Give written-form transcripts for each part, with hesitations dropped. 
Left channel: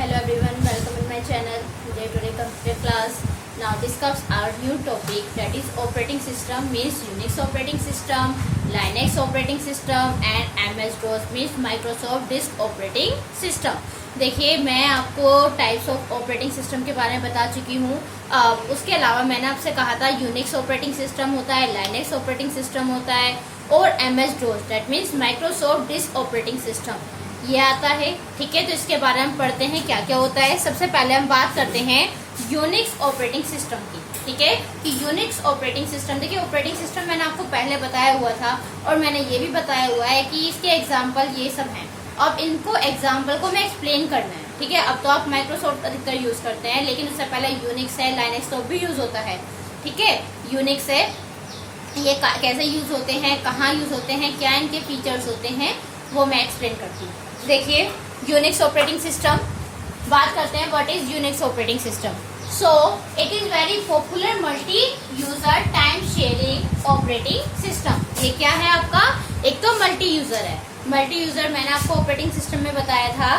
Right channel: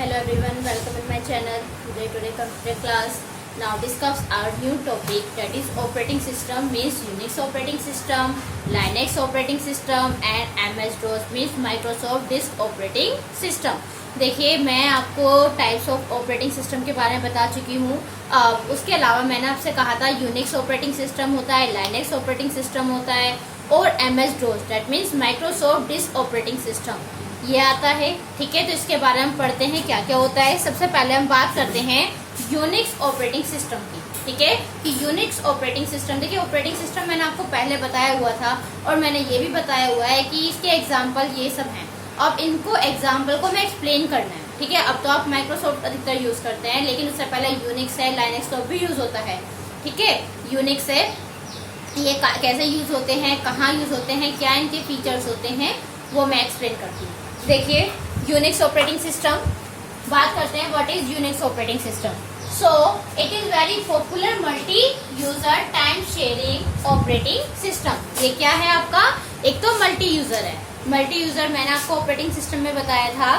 Hello everyone, welcome in my channel. Today computer class. Now discuss our new topic, that is operating system means Unix operating system, Linux operating system and MS-DOS means Microsoft Disk operating system. देखिए मैं आपको types of operating system के बारे में बता चुकी हूँ। उसके अलावा मैंने आपसे कहा था यूनिक्स ऑपरेटिंग सिस्टम होता है, लाइनेक्स ऑपरेटिंग सिस्टम होता है और MS-DOS that means Microsoft disk operating system ये आता है। ठीक है, तो इसके बारे में हम पढ़ते हैं क्या क्या होता है। सबसे पहले हम बात करते हैं यूनिक्स ऑपरेटिंग सिस्टम की। ठीक है कि यूनिक्स ऑपरेटिंग सिस्टम, देखिए ऑपरेटिंग सिस्टम मैंने आपको पहले बताया हुआ था और मैंने ये भी बताया हुआ है कि इसके एग्जाम्पल ये सब हैं। अब इनको एग्जाम्पल को मैं एक्सप्लेन करना है। ठीक है, अब तो आप माइक्रोसॉफ्ट अधिकतर यूज करते हैं, लेकिन उससे पहले यूनिक्स है, लाइनेक्स तो भी यूज होता है। ठीक है, यूनिक्स है, ये कैसे यूज होते हैं, कहाँ यूज होते हैं, क्या इनके फीचर्स होते हैं, वो मैं एक्सप्लेन करती हूँ। देखिए यूनिक्स ऑपरेटिंग सिस्टम बात करते हैं। What is Unix operating system? So it is very popular multi user time sharing operating system. ये क्या है आपका? एक तो मल्टी यूजर है। मल्टी यूजर मैंने आपको ऑपरेटिंग सिस्टम में बताया था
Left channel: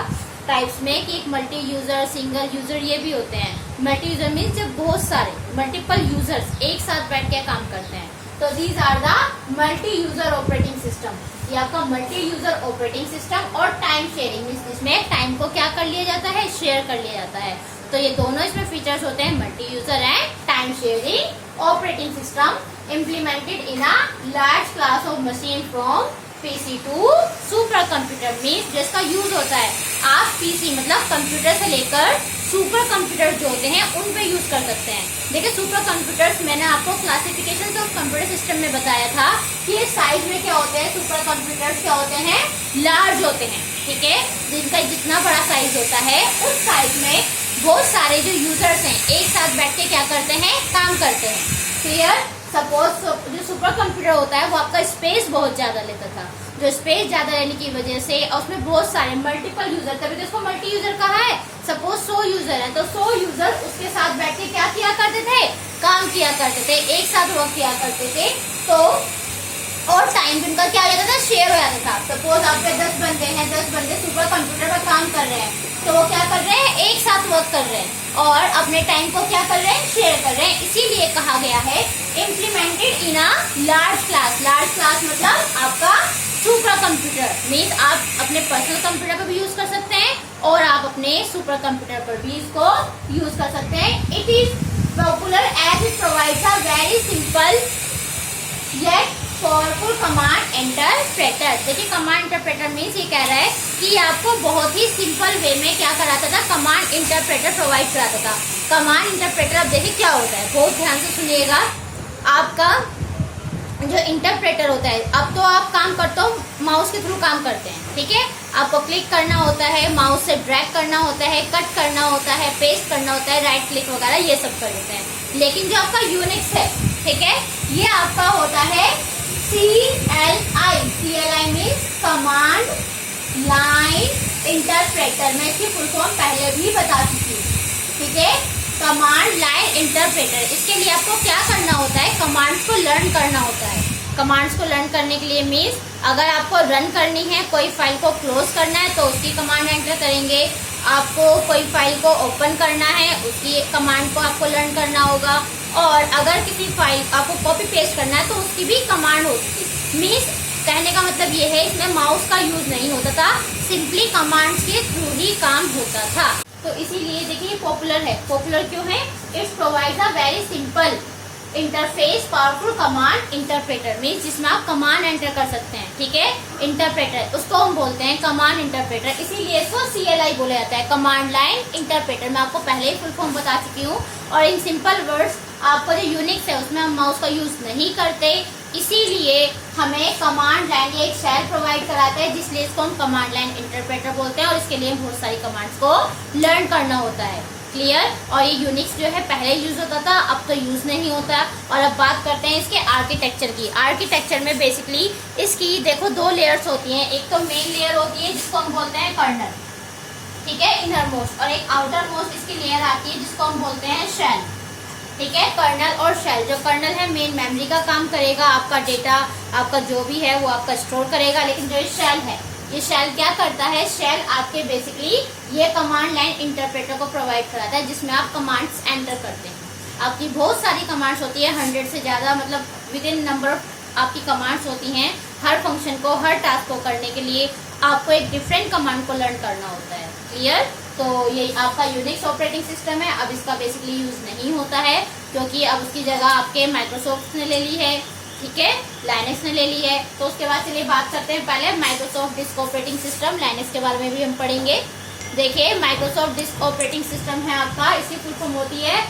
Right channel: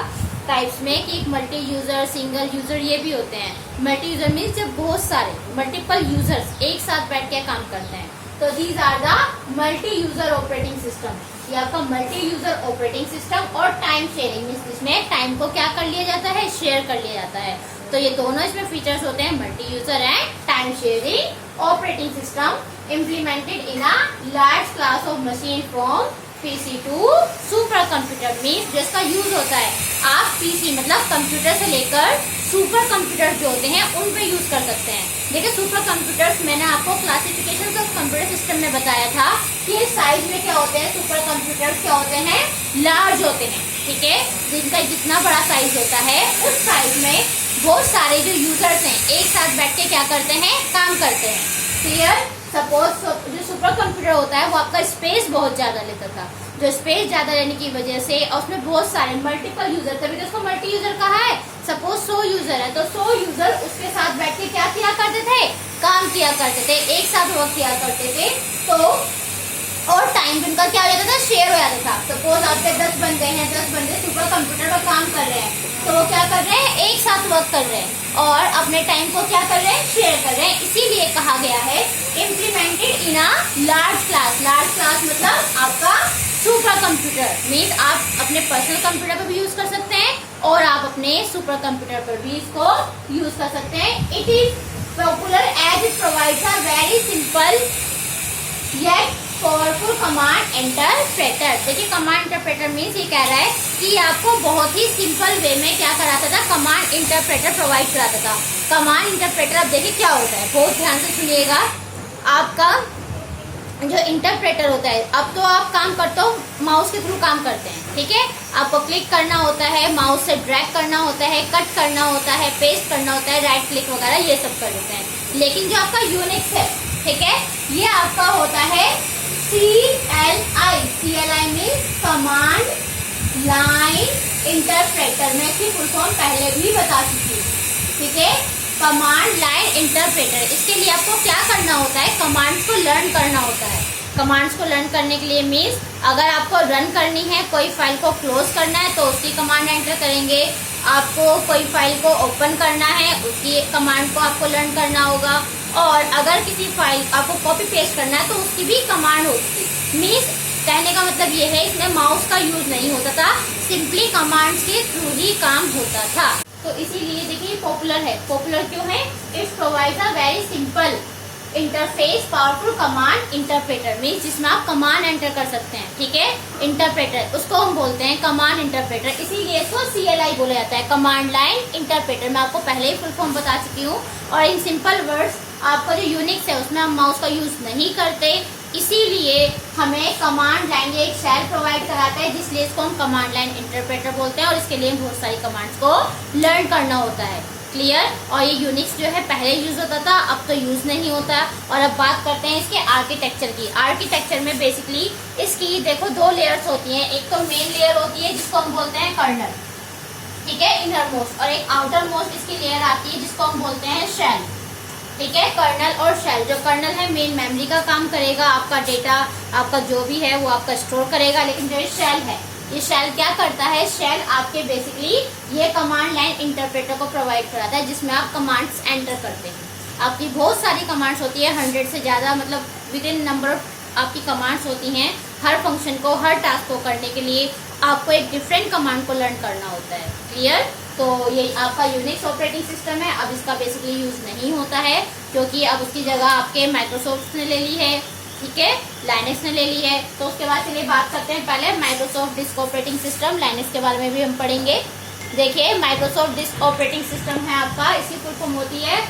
टाइप्स में कि एक मल्टी यूजर, सिंगल यूजर ये भी होते हैं। मल्टी यूजर मीन्स जब बहुत सारे मल्टीपल यूजर्स एक साथ बैठ के काम करते हैं, तो these are the multi user operating system. ये आपका मल्टी यूजर ऑपरेटिंग सिस्टम और टाइम शेयरिंग, इसमें टाइम को क्या कर लिया जाता है, शेयर कर लिया जाता है। तो ये दोनों इसमें फीचर्स होते हैं, multi user and time sharing operating system implemented in a large class of machine from PC to super computer means जिसका यूज होता है आप पीसी मतलब कंप्यूटर से लेकर सुपर कंप्यूटर्स जो होते हैं उन पे यूज कर सकते हैं। देखिए सुपर कंप्यूटर्स मैंने आपको क्लासिफिकेशन ऑफ कंप्यूटर सिस्टम में बताया था कि ये साइज में क्या होते हैं। सुपर कंप्यूटर्स क्या होते हैं? लार्ज होते हैं। ठीक है, जिनका जितना बड़ा साइज होता है उस साइज में बहुत सारे जो यूजर्स हैं एक साथ बैठ के क्या करते हैं, काम करते हैं। क्लियर? सपोज जो सुपर कंप्यूटर होता है वो आपका स्पेस बहुत ज्यादा लेता था, जो स्पेस ज्यादा लेने की वजह से उसमें बहुत सारे मल्टीपल यूजर, तभी तो उसको मल्टी यूजर कहा है। सपोज 100 यूजर है तो 100 यूजर उसके साथ बैठ के क्या किया करते थे, काम किया करते थे, एक साथ वर्क किया करते थे। तो और टाइम उनका क्या हो जाता था, शेयर हो जाता था। सपोज आपके 10 बंदे हैं, 10 बंदे सुपर कंप्यूटर पर काम कर रहे हैं, तो वो क्या कर रहे हैं, एक साथ वर्क कर रहे हैं और अपने टाइम को क्या कर रहे हैं, शेयर कर रहे हैं। इसीलिए कहा गया है implemented in a large class. Large class मतलब आपका सुपर कंप्यूटर मीन्स आप अपने पर्सनल कंप्यूटर पर भी यूज कर सकते हैं और आप अपने सुपर कंप्यूटर पर भी इसको यूज कर सकते हैं। It is popular as it provides a very simple yet powerful command interpreter. देखिए कमांड इंटरप्रेटर मीन्स ये कह रहा है कि आपको बहुत ही सिंपल वे में क्या कराता था, कमांड इंटरप्रेटर प्रोवाइड कराता था। कमांड इंटरप्रेटर अब देखिए क्या होता है, बहुत ध्यान से सुनिएगा। आपका जो इंटरप्रेटर होता है, अब तो आप काम करते हो माउस के थ्रू काम करते हैं। ठीक है, आपको क्लिक करना होता है, माउस से ड्रैग करना होता है, कट करना होता है, पेस्ट करना होता है, राइट क्लिक वगैरह ये सब कर देते हैं। लेकिन जो आपका यूनिक्स है, ठीक है, ये आपका होता है CLI। CLI means command line interpreter. मैं इसकी फुल फॉर्म पहले भी बता चुकी हूँ। ठीक है, कमांड लाइन इंटरप्रेटर। इसके लिए आपको क्या करना होता है, कमांड्स को लर्न करना होता है। कमांड्स को लर्न करने के लिए मीन्स अगर आपको रन करनी है, कोई फाइल को क्लोज करना है तो उसकी कमांड एंटर करेंगे। आपको कोई फाइल को ओपन करना है उसकी कमांड को आपको लर्न करना होगा। और अगर किसी फाइल आपको कॉपी पेस्ट करना है तो उसकी भी कमांड होती थी। मीन्स कहने का मतलब ये है इसमें माउस का यूज नहीं होता था, सिंपली कमांड्स के थ्रू ही काम होता था। तो इसीलिए देखिए पॉपुलर है। पॉपुलर क्यों है? It's provides a very simple interface powerful command interpreter means जिसमें आप कमांड एंटर कर सकते हैं। ठीक है, इंटरप्रेटर उसको हम बोलते हैं कमांड इंटरप्रेटर, इसीलिए इसको CLI बोला जाता है, कमांड लाइन इंटरप्रेटर। मैं आपको पहले ही फुल फॉर्म बता चुकी हूँ। और इन सिंपल वर्ड्स आपका जो यूनिक्स है उसमें हम माउस का यूज नहीं करते, इसीलिए हमें कमांड लाइन ये एक शेल प्रोवाइड कराता है, जिसलिए इसको हम कमांड लाइन इंटरप्रेटर बोलते हैं। और इसके लिए बहुत सारी कमांड्स को लर्न करना होता है। क्लियर? और ये यूनिक्स जो है पहले यूज होता था, अब तो यूज नहीं होता। और अब बात करते हैं इसके आर्किटेक्चर की। आर्किटेक्चर में बेसिकली इसकी देखो 2 लेयर्स होती हैं। एक तो मेन लेयर होती है जिसको हम बोलते हैं कर्नल, ठीक है, इनर मोस्ट, और एक आउटर मोस्ट इसकी लेयर आती है जिसको हम बोलते हैं शेल। ठीक है, कर्नल और शेल। जो कर्नल है मेन मेमोरी का काम करेगा, आपका डेटा आपका जो भी है वो आपका स्टोर करेगा, लेकिन जो शेल है ये शेल क्या करता है, शेल आपके बेसिकली ये कमांड लाइन इंटरप्रेटर को प्रोवाइड कराता है, जिसमें आप कमांड्स एंटर करते हैं। आपकी बहुत सारी कमांड्स होती है, 100 से ज्यादा, मतलब विद इन नंबर आपकी कमांड्स होती हैं। हर फंक्शन को, हर टास्क को करने के लिए आपको एक डिफरेंट कमांड को लर्न करना होता है। क्लियर? तो ये आपका यूनिक्स ऑपरेटिंग सिस्टम है। अब इसका बेसिकली यूज नहीं होता है, क्योंकि अब उसकी जगह आपके माइक्रोसॉफ्ट ने ले ली है, ठीक है, लाइनेक्स ने ले ली है। तो उसके बाद चलिए बात करते हैं पहले Microsoft disk operating system. Linux के बारे में भी हम पढ़ेंगे। देखिए, माइक्रोसॉफ्ट डिस्क ऑपरेटिंग सिस्टम है आपका, इसकी फुल फॉर्म होती है,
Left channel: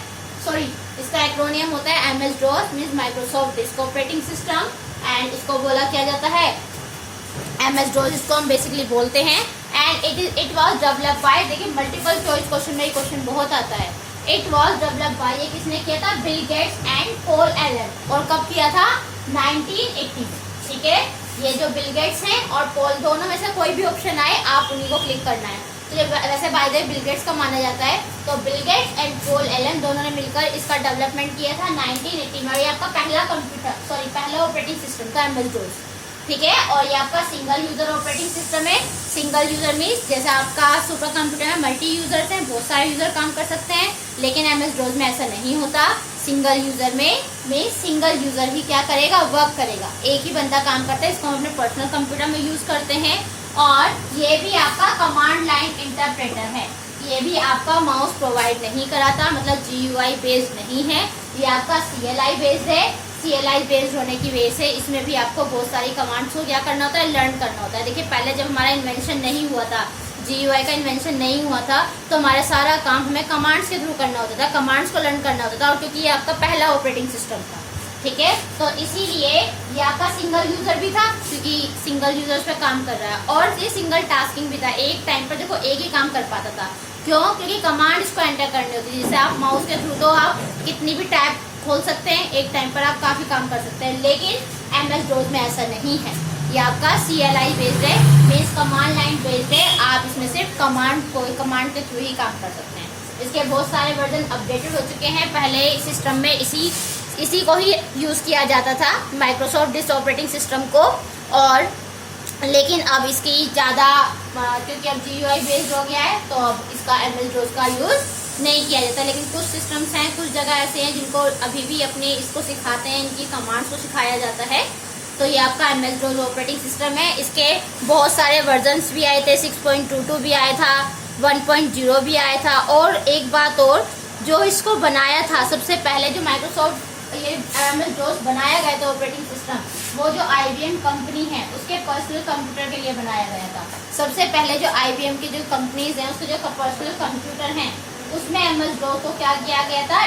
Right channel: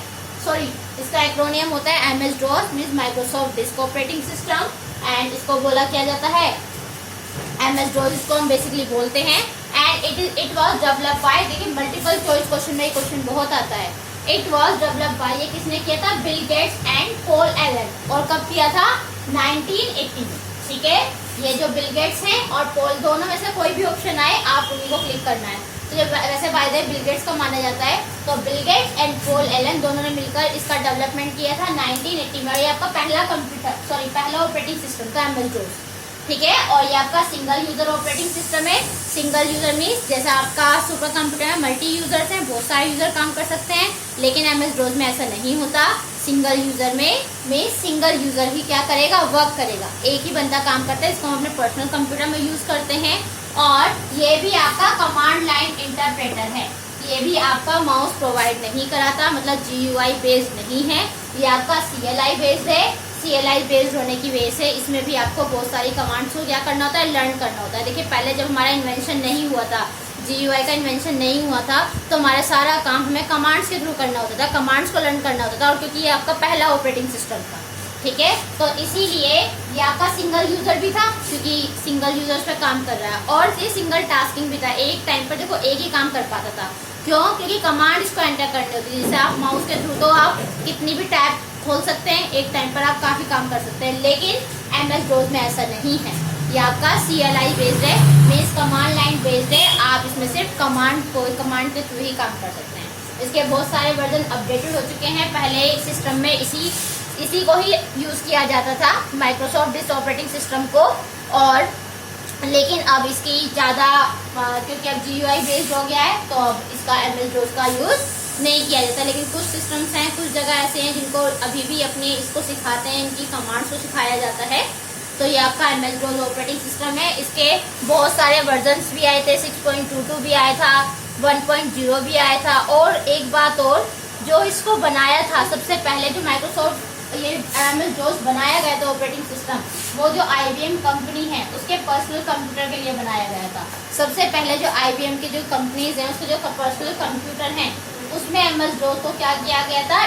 सॉरी, इसका एक्रोनियम होता है MS DOS, means Microsoft disk operating system. And इसको बोला किया जाता है MS DOS, इसको हम बेसिकली बोलते हैं। And it was developed by, देखिए मल्टीपल चॉइस क्वेश्चन में ये क्वेश्चन बहुत आता है। इट वाज डेवलप्ड बाय, ये किसने किया था, Bill Gates and Paul Allen. और कब किया था, 1980 में, ठीक है। ये जो बिल गेट्स हैं और पॉल, दोनों में से कोई भी ऑप्शन आए आप उन्हीं को क्लिक करना है। तो वैसे by the way Bill Gates का माना जाता है। तो Bill Gates and Paul Allen दोनों ने मिलकर इसका डेवलपमेंट किया था 1980 में। ये आपका पहला ऑपरेटिंग सिस्टम था MS DOS, ठीक है। और ये आपका सिंगल यूजर ऑपरेटिंग सिस्टम है। सिंगल यूजर मीन्स जैसा आपका सुपर कंप्यूटर में मल्टी यूजर्स हैं, बहुत सारे यूजर काम कर सकते हैं, लेकिन MS DOS में ऐसा नहीं होता। सिंगल यूजर में सिंगल यूजर ही क्या करेगा, वर्क करेगा, एक ही बंदा काम करता है। इसको हम अपने पर्सनल कंप्यूटर में यूज करते हैं। और ये भी आपका कमांड लाइन इंटरप्रेटर है। ये भी आपका माउस प्रोवाइड नहीं कराता, मतलब GUI बेस्ड नहीं है, ये आपका CLI बेस्ड है। CLI बेस्ड होने की वजह से इसमें भी आपको बहुत सारी कमांड्स को क्या करना होता है, लर्न करना होता है। देखिए, पहले जब हमारा इन्वेंशन नहीं हुआ था, GUI का इन्वेंशन नहीं हुआ था, तो हमारा सारा काम हमें कमांड्स के थ्रू करना होता था, कमांड्स को लर्न करना होता था। और क्योंकि ये आपका पहला ऑपरेटिंग सिस्टम था, ठीक है, तो इसीलिए ये आपका सिंगल यूजर भी था, क्योंकि सिंगल यूजर्स पे काम कर रहा है। और ये सिंगल टास्किंग भी था, एक टाइम पर देखो एक ही काम कर पाता था। क्यों? क्योंकि कमांड इसको एंटर करनी होती है। जैसे आप माउस के थ्रू तो आप कितनी भी टैब खोल सकते हैं, एक टाइम पर आप काफी काम कर सकते हैं, लेकिन MS DOS में ऐसा नहीं है। ये आपका CLI बेस्ड है, मीन्स कमांड लाइन बेस्ड है। आप इसमें सिर्फ कमांड के थ्रू ही काम कर सकते हैं। इसके बहुत सारे वर्जन अपडेटेड हो चुके हैं। पहले सिस्टम में इसी को ही यूज किया जाता था, माइक्रोसॉफ्ट डिस्क ऑपरेटिंग सिस्टम को। और लेकिन अब इसकी ज्यादा, क्योंकि अब GUI बेस्ड हो गया है, तो अब इसका MS DOS का यूज नहीं किया जाता। लेकिन कुछ सिस्टम्स हैं, कुछ जगह ऐसे हैं जिनको अभी भी अपने इसको सिखाते हैं, इनकी कमांड्स को सिखाया जाता है। तो ये आपका MS DOS ऑपरेटिंग सिस्टम है। इसके बहुत सारे वर्जन्स भी आए थे, 6.22 भी आया था, 1.0 भी आया था। और एक बात और, जो इसको बनाया था सबसे पहले, जो माइक्रोसॉफ्ट ये MS DOS बनाया गया था ऑपरेटिंग सिस्टम, वो जो IBM कंपनी है उसके पर्सनल कंप्यूटर के लिए बनाया गया था। सबसे पहले जो IBM की जो कंपनीज हैं, उसके जो पर्सनल कंप्यूटर हैं, उसमें MS DOS को क्या किया गया था,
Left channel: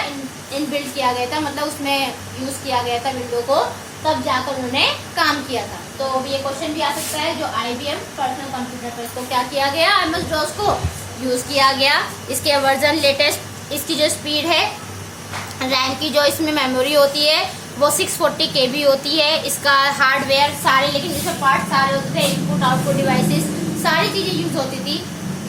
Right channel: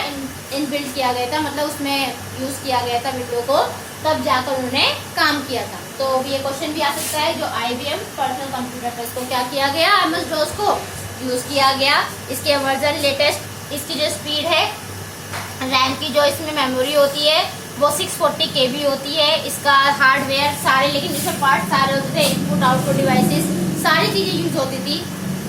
इनबिल्ट किया गया था, मतलब उसमें यूज किया गया था विंडो को, तब जाकर उन्होंने काम किया था। तो ये क्वेश्चन भी आ सकता है, जो IBM पर्सनल कंप्यूटर पर इसको क्या किया गया, MS DOS को यूज किया गया। इसके वर्जन लेटेस्ट, इसकी जो स्पीड है, रैम की जो इसमें मेमोरी होती है वो 640 KB होती है। इसका हार्डवेयर सारे, लेकिन इसमें पार्ट सारे होते थे, इनपुट आउटपुट डिवाइसेस सारी चीजें यूज होती थी।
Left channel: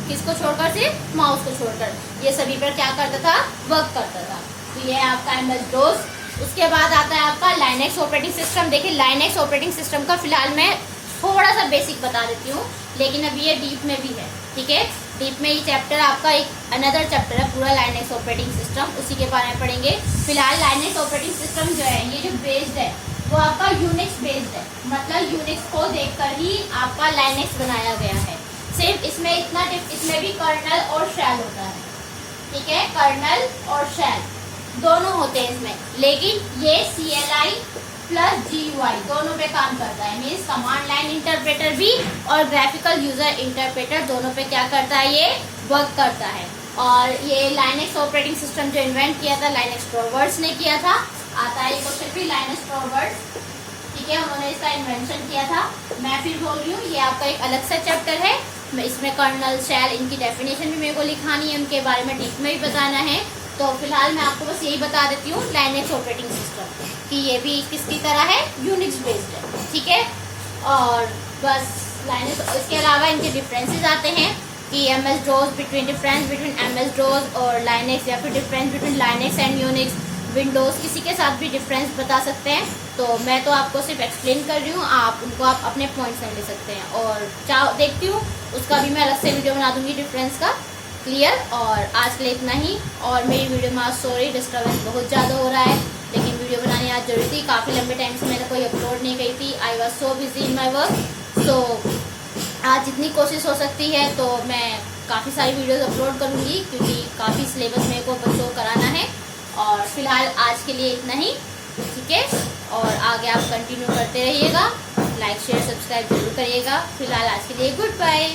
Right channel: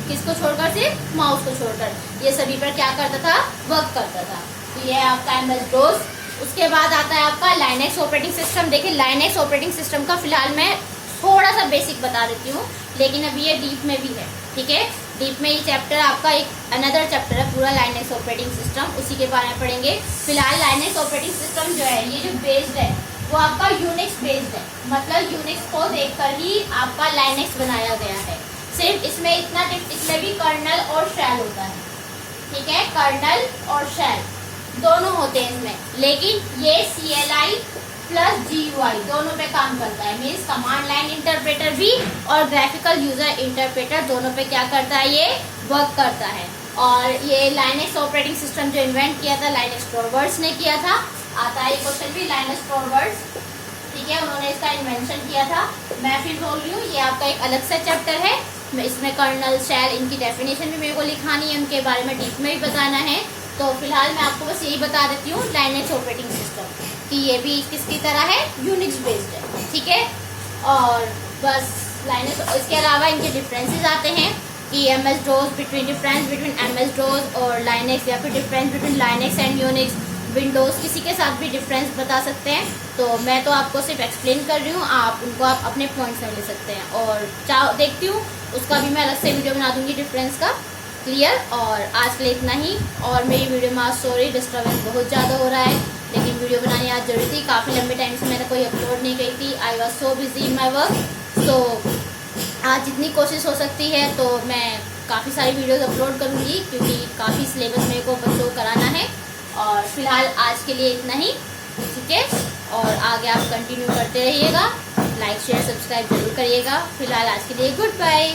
किसको छोड़कर, सिर्फ माउस को छोड़कर, ये सभी पर क्या करता था, वर्क करता था। तो ये आपका MS DOS। उसके बाद आता है आपका लाइनेक्स ऑपरेटिंग सिस्टम। देखिए, लाइनेक्स ऑपरेटिंग सिस्टम का फिलहाल मैं थोड़ा सा बेसिक बता देती हूँ, लेकिन अभी ये डीप में भी है, ठीक है। डीप में ये चैप्टर आपका एक अनदर चैप्टर है पूरा, लाइनेक्स ऑपरेटिंग सिस्टम, उसी के बारे में पढ़ेंगे। फिलहाल लाइनेक्स ऑपरेटिंग सिस्टम जो है, ये जो बेस्ड है वो आपका यूनिक्स बेस्ड है, मतलब यूनिक्स को देखकर ही आपका लाइनेक्स बनाया गया है। सिर्फ इसमें इतना, इसमें भी कर्नल और शेल होता है, ठीक है, कर्नल और शेल दोनों होते हैं इसमें, लेकिन ये CLI प्लस GUI दोनों पे काम करता है। मीन्स कमांड लाइन इंटरप्रेटर भी और ग्राफिकल यूजर इंटरप्रेटर दोनों पे क्या करता है, ये वर्क करता है। और ये लाइनेक्स ऑपरेटिंग सिस्टम जो इन्वेंट किया था, लाइनेक्स टॉरवर्ड्स ने किया था। आता है क्वेश्चन भी, लाइनेक्स टॉरवर्ड्स, ठीक है, उन्होंने इसका इन्वेंशन किया था। मैं फिर बोल रही हूँ, ये आपका एक अलग सा चैप्टर है, इसमें कर्नल, शेल, इनकी डेफिनेशन भी मेरे को लिखानी है, उनके बारे में डीप में भी बताना है। तो फिलहाल मैं आपको बस यही बता देती हूँ, लाइनेक्स ऑपरेटिंग सिस्टम कि ये भी किसकी तरह है, यूनिक्स बेस्ड है, ठीक है। और बस लाइनेक्स, इसके अलावा इनके डिफरेंसेस आते हैं कि MS DOS, difference between MS DOS और लाइनेक्स, या फिर difference between Linux and Unix, Windows किसी के साथ भी डिफरेंस बता सकते हैं। तो मैं तो आपको सिर्फ एक्सप्लेन कर रही हूँ, आप अपने पॉइंट्स में ले सकते हैं। और देखती हूँ उसका भी मैं अलग से वीडियो बना दूंगी डिफरेंस का क्लियर। और आज के लिए इतना ही। और मेरी वीडियो में आज सॉरी डिस्टर्बेंस बहुत ज़्यादा हो रहा है, लेकिन वीडियो बनानी आज जरूरी थी। काफ़ी लंबे टाइम से मैंने कोई अपलोड नहीं की थी। I was so busy in my work. So आज जितनी कोशिश हो सकती है तो मैं काफ़ी सारी वीडियोस अपलोड करूँगी, क्योंकि काफ़ी सिलेबस मेरे को बच्चों को कराना है। और फिलहाल आज के लिए इतना ही, ठीक है। और आगे आप कंटिन्यू करते रहिएगा, लाइक शेयर सब्सक्राइब जरूर करिएगा। फिलहाल आज के लिए गुड बाय।